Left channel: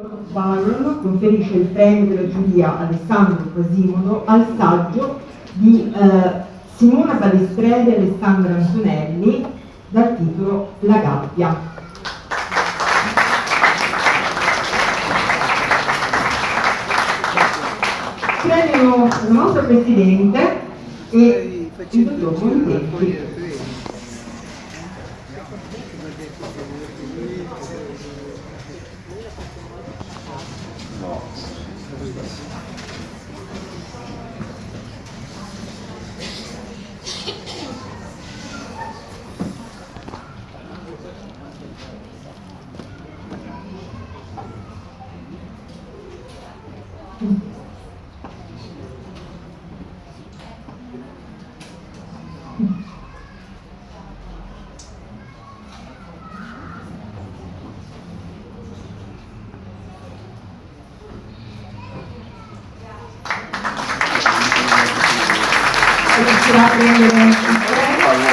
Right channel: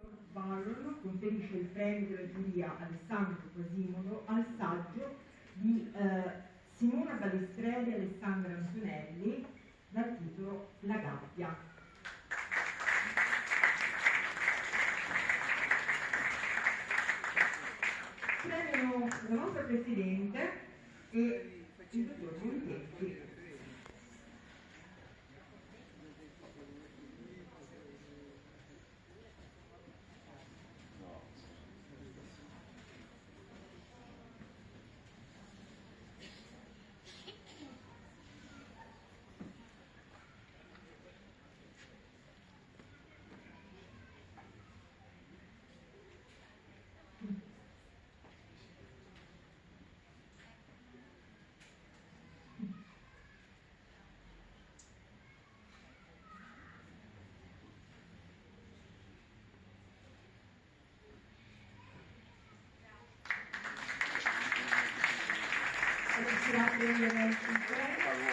Byron conferisce il premio della giuria Alessandro Quasimodo al saggio di Simona Balestrelli e Alessandra Antonelli dal titolo La gabbia. Premio il nostro Presidente e il dottor Bontempi. Grazie.